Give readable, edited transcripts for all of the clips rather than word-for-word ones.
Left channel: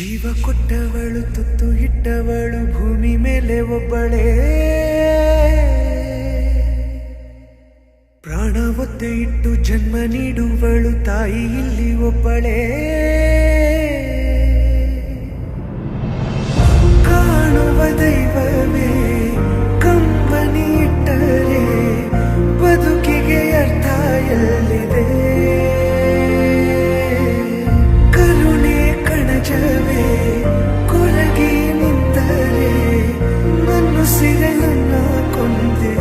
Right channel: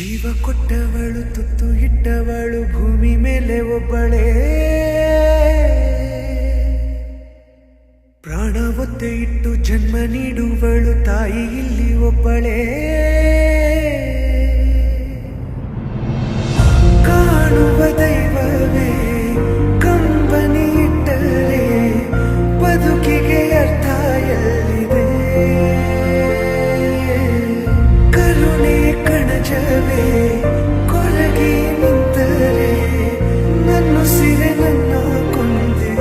ಜೀವ ಕೊಟ್ಟವಳು ತುತ್ತು ಇಟ್ಟವಳು ಭೂಮಿ ಮೇಲೆ ಒಬ್ಬಳೇ, ಪ್ರಾಣ ಒತ್ತೆ ಇಟ್ಟು ಜನ್ಮ ನೀಡುವಳು ತಾಯಿ ಇಲ್ಲಿ ಒಬ್ಬಳೇ. ಕಾಣುವ ದೈವವೇ ಕಂಬನಿ ಇಟ್ಟರೆ ಬದುಕಿಗೆ ಅರ್ಥ ಎಲ್ಲಿದೆ. ಕರುಣೆ ಕಣಜವೇ ಕೊರಗಿ ನಿಂತರೆ ನನ್ನುಸಿರೆ ನನ್ನ ಕೊಂದಿದೆ.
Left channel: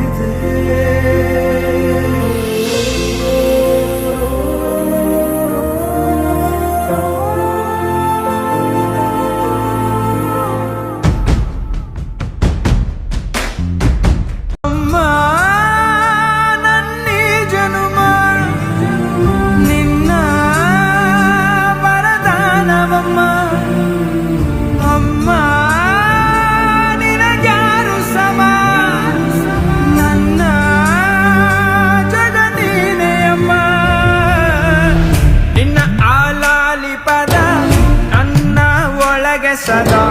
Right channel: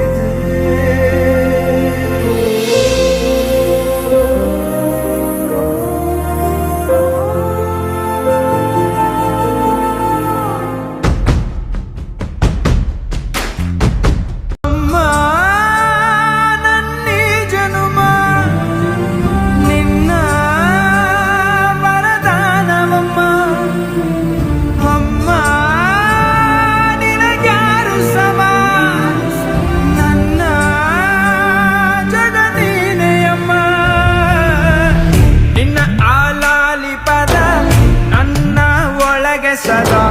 ಸದಾ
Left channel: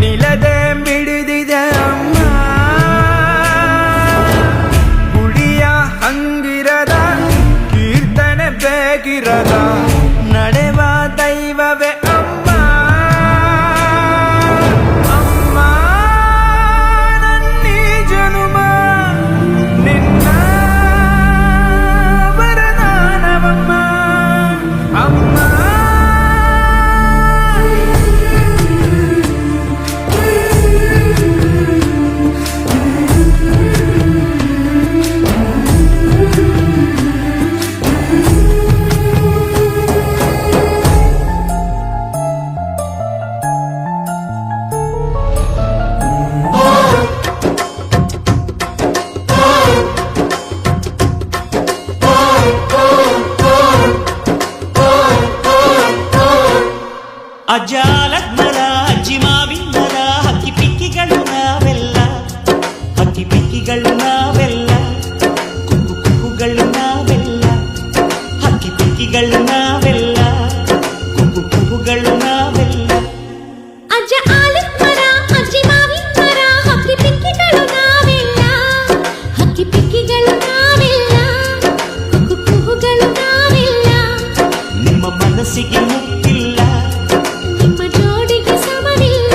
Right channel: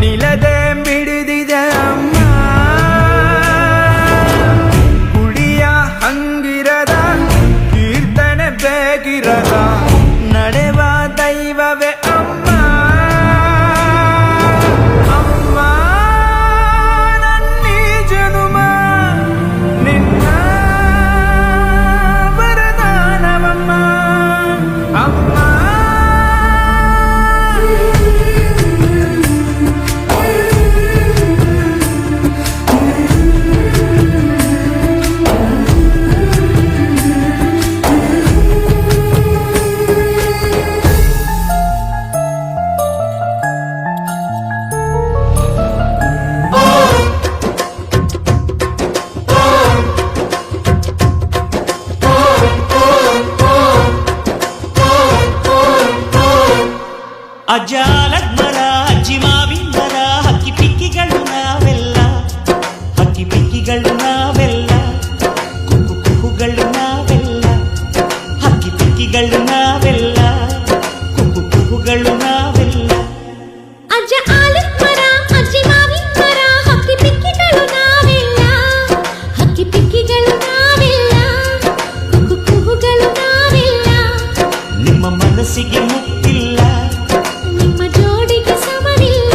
ನಿಲದೆ ಮಿಡಿದಿದೆ ಅಮ್ಮ, ಗುಡಿಯ ಹಂಗಿರದ ಕೀರ್ತನೆ ಬೇಕಿರದ ನಡೆವ ದೈವವೇ ಅಮ್ಮ. ಅಮ್ಮ ನನ್ನೀ ಜನುಮ ನಿನ್ನ ವರದಾನವಮ್ಮ. ಅಮ್ಮ ಅಜ್ಜಾಲದ ಮರ ಅಜ್ಜಿ ಮಾವಿನ ಮರ ಹಕ್ಕಿ ಪಿಕ್ಕಿಗಳು ನಾವೆಲ್ಲ, ಹಕ್ಕಿ ಪಿಕ್ಕಿಗಳು ನಾವೆಲ್ಲ, ಕುಕ್ಕು ಕುಕ್ಕುಗಳು ನಾವೆಲ್ಲ, ಹಕ್ಕಿ ಪಿಕ್ಕಿಗಳು ನಾವೆಲ್ಲ, ಕುಕ್ಕು ಕುಕ್ಕುಗಳು ನಾವೆಲ್ಲ. ಅಜ್ಜ ಆಲದ ಮರ ಅಜ್ಜಿ ಮಾವಿನ ಮರ ಹಕ್ಕಿ ಪಿಕ್ಕಿಗಳು ನಾವೆಲ್ಲ, ಹಕ್ಕಿ ಪಿಕ್ಕಿಗಳು ನಾವೆಲ್ಲ, ಕುಕ್ಕು ಕುಕ್ಕುಗಳು ನಾವೆಲ್ಲ. ನಿಮ್ಮ ಮನಸ್ಸಿಗೆ ಮುಟ್ಟಿಲ್ಲ, ನಿಮ್ಮ ಜೋಡಿಗೆ ಸಮವಿಲ್ಲ.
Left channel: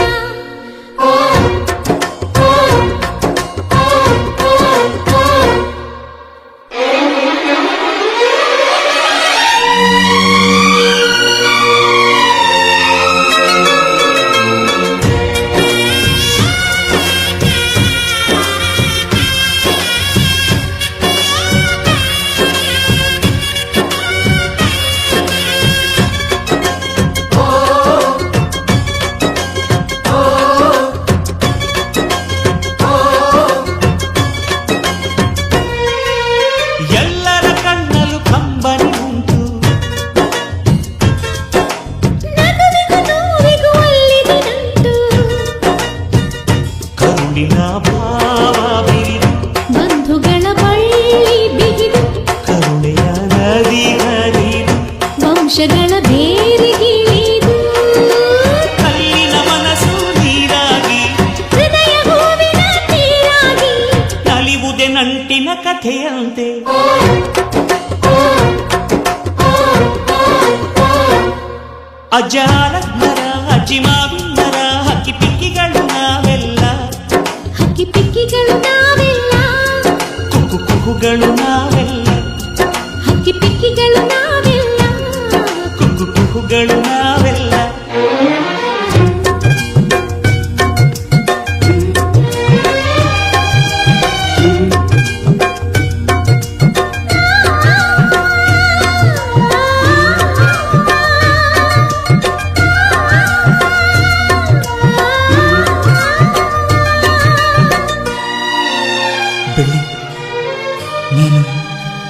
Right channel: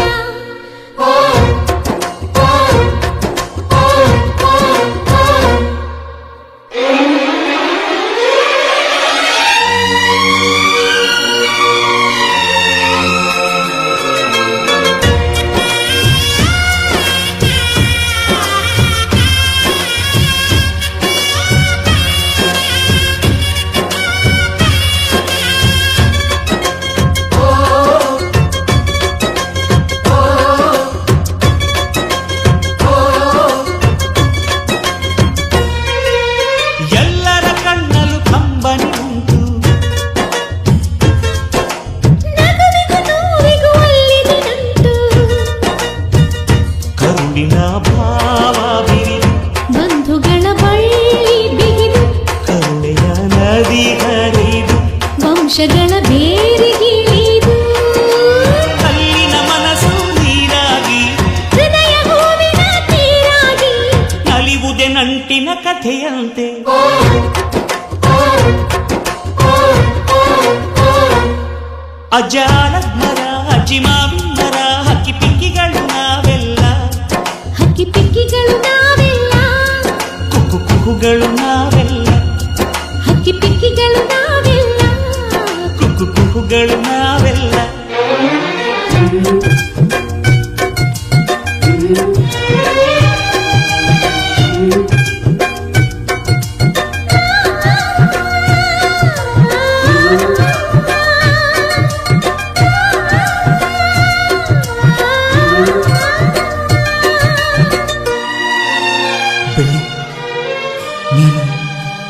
ಎಲ್ಲರ ಕಣ್ಣಲು ಕಂಬನಿ ಉಂಟು, ನಗುವಿಗೂ ನೋವಿಗೂ ಅಲ್ಲಿದೆ ನಂಟು, ಕರುಳಿನ ಭಾವ ಬಿರಿದು ಬಂಧುಗಳ ಬಳ್ಳಿ ಬಿಗಿದು, ಕರುಣೆಯ ನದಿ ಹರಿದು ವಂಶಗಳ ಬೇರಿಗಿಳಿದು, ಕಲ್ಲಿನ ಮನಸ್ಸು ನೀರಾಗಿ ಹೃದಯ ಹೂವಿನ ತೀರಾಗಿ ನಲಿವುದೆ ನಂಟಿನ ಕಥೆಯಂತೆ. ಅಜ್ಜಾಲದ ಮರ ಅಜ್ಜಿ ಮಾವಿನ ಮರ ಹಕ್ಕಿ ಪಿಕ್ಕಿಗಳು ನಾವೆಲ್ಲ, ಹಕ್ಕಿ ಪಿಕ್ಕಿಗಳು ನಾವೆಲ್ಲ, ಕುಕ್ಕು ಕುಹುಗಳು ನಾವೆಲ್ಲ, ಹಕ್ಕಿ ಪಿಕ್ಕಿಗಳು ನಾವೆಲ್ಲ. ಕುಕ್ಕು ಕುಹುಗಳು ನಾವೆಲ್ಲ. ಬೆಳ್ಳಿ, ನೀನು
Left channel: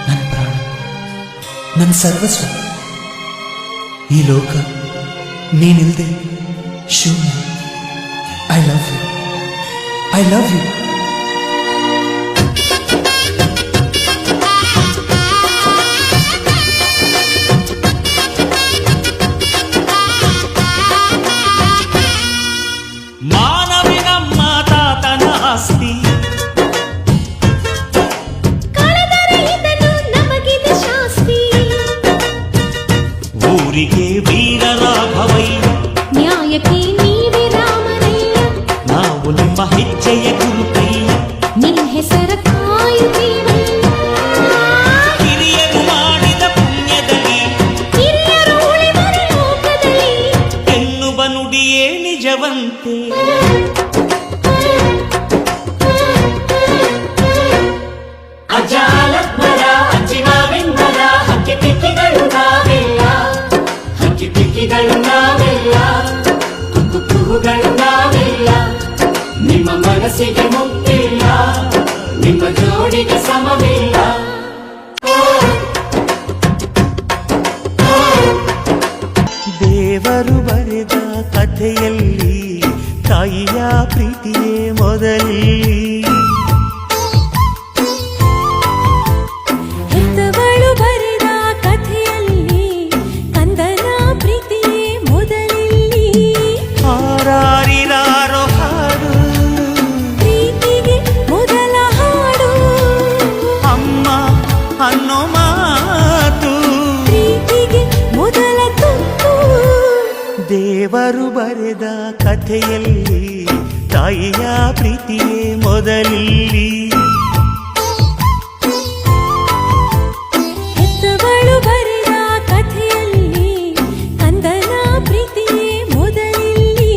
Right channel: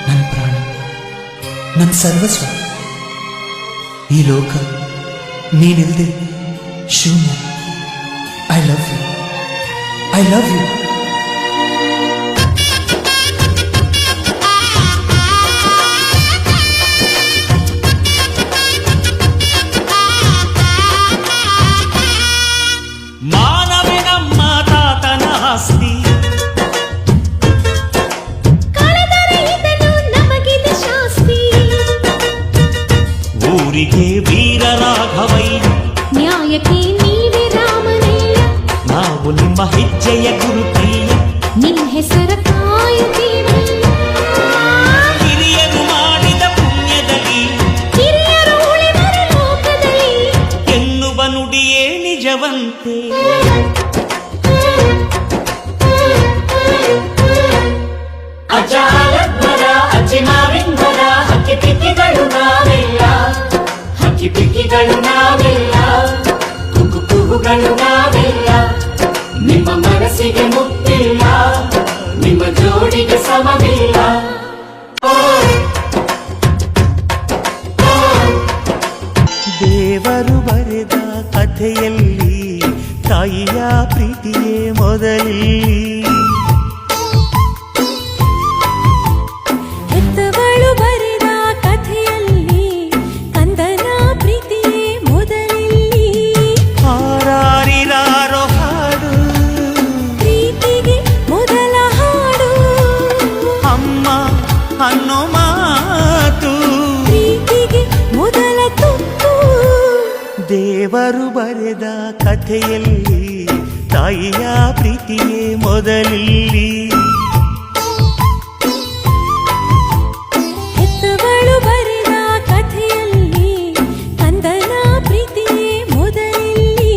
ನನ್ನ ಪ್ರಾಣ, ನನ್ನ ಸರ್ವಸ್ವ. ಈ ಲೋಕ ನೀನಿಲ್ದೆ ಶೂನ್ಯ. I love you, I love you. ನಮ್ಮ ತಾತನ ಆಸ್ತಿ. ಕಳೆದರೆ ಇದನ್ನು ನಮಗಿದೆ ಶಾಸ್ತಿ. ಊರಿಗೆ ವೀರ ರಾಘವಯ್ಯ, ನ್ಯಾಯಕ್ಕೆ ನೀವೇ ರಾಮನಯ್ಯ. ನಾವು ನಿಮ್ಮ ಹೆಜ್ಜೆಯ ಗುರುತಯ್ಯ. ನಿನ್ ಹೆಸರ ಕಾಯುತ್ತೀವಯ್ಯ. ಹಿರಿಯರು ಮಾಡಿದ ಪುಣ್ಯದಲ್ಲಿ, ಹಿರಿಯರು ಉಳಿವರು ಲೋಕದಲ್ಲಿ. ಎನ್ನುವ ನುಡಿಯೇ ನಿಜವಂತೆ. ಅಜ್ಜ ಆಲದ್ಮರ, ಅಜ್ಜಿ ಮಾವಿನ ಮರ, ಹಕ್ಕಿ ಪಿಕ್ಕಿಗಳು ನಾವೆಲ್ಲ, ಹಕ್ಕಿ ಪಿಕ್ಕಿಗಳು ನಾವೆಲ್ಲ, ಕುಕ್ಕು ಕುಹುಗಳು ನಾವೆಲ್ಲ. ನಿಮ್ಮ ಮನಸ್ಸಿಗೆ ಮುಟ್ಟಿಲ್ಲ, ನಿಮ್ಮ ಜೋಡಿಗೆ ಸಮವಿಲ್ಲ. ದೇವರು ಬರೆದ ಕಥೆಯಲ್ಲಿ ತಾಯಿಯ ಪ್ರೀತಿಯೇ ಮೊದಲಿ. ಹೆತ್ತವಳು ಬರೆದ ಕಥೆಯಲ್ಲಿ ಕಂದನ ಪ್ರೀತಿಯೇ ಮೊದಲಿಲ್ಲಿ. ಹಾರಾರಿರಾರೋ ಹಾಡು, ಪ್ರೀತಿಗೆ ಮೊದಲ ಹಾಡು. ಅಮ್ಮ ಅನ್ನೋ ಮಾತು, ಪ್ರೀತಿಗೆ ಮೊದಲ ತುತ್ತು. ದೇವರು ಬರೆದ ಕಥೆಯಲ್ಲಿ ತಾಯಿಯ ಪ್ರೀತಿಯೇ ಮೊದಲಿಲ್ಲಿ. ಹೆತ್ತವಳು ಬರೆದ ಕಥೆಯಲ್ಲಿ ಕಂದನ ಪ್ರೀತಿಯೇ ಮೊದಲಿಲ್ಲಿ.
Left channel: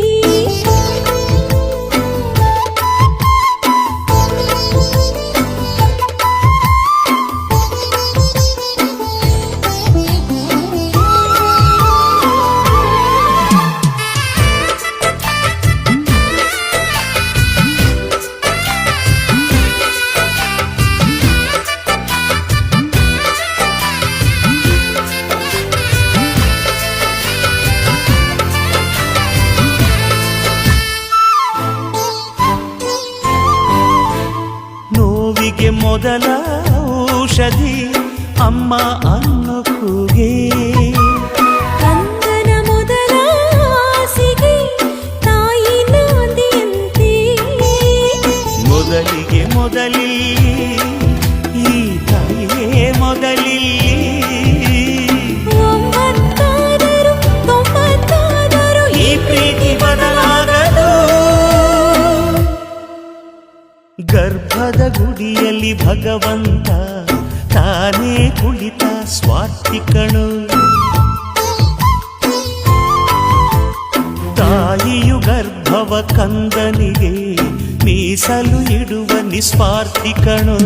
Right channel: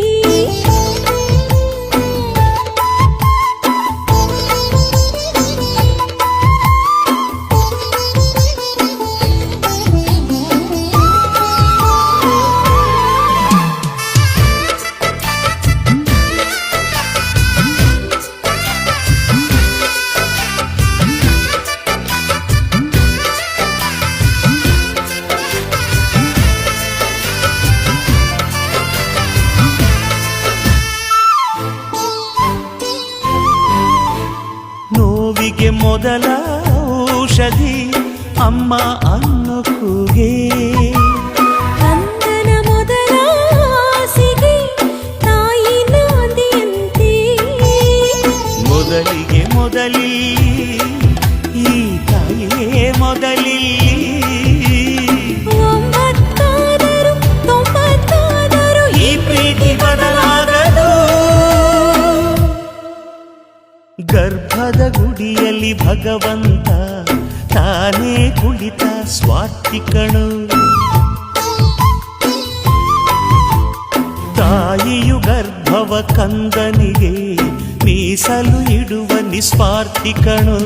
ನೋವಿಗೆ ಮೊದಲ ಔಷಧಿ ಅಮ್ಮ ಅನ್ನೋ ಕೂಗೆ. ಕಂದನ ಮೊದಲ ಆಸೆಗೆ ತಾಯಿ ನಾಂದಿಯಂತೆ. ಮೊದಲಿಗೆ ಮೊದಲಿಲ್ಲಿ ಈ ತಾಯಿಯೇ ಮೊದಲಿಲ್ಲಿ. 90 90 ಈ ಪ್ರೀತಿ ಬದಲಾಗದು. ಗರ್ಭದ ಗುಡಿಯಲ್ಲಿ ಭಗವಂತ ತಾನೇ ಕುಳಿತ ಸ್ವಾರ್ಥಿ ಕಣು. ತಾಯಿಯು ಗರ್ಭವ ಕಂದನಿಗೆ ಮೀಸಲು ಇಡುವ ನಿಸ್ವಾರ್ಥಿ ಕಣು.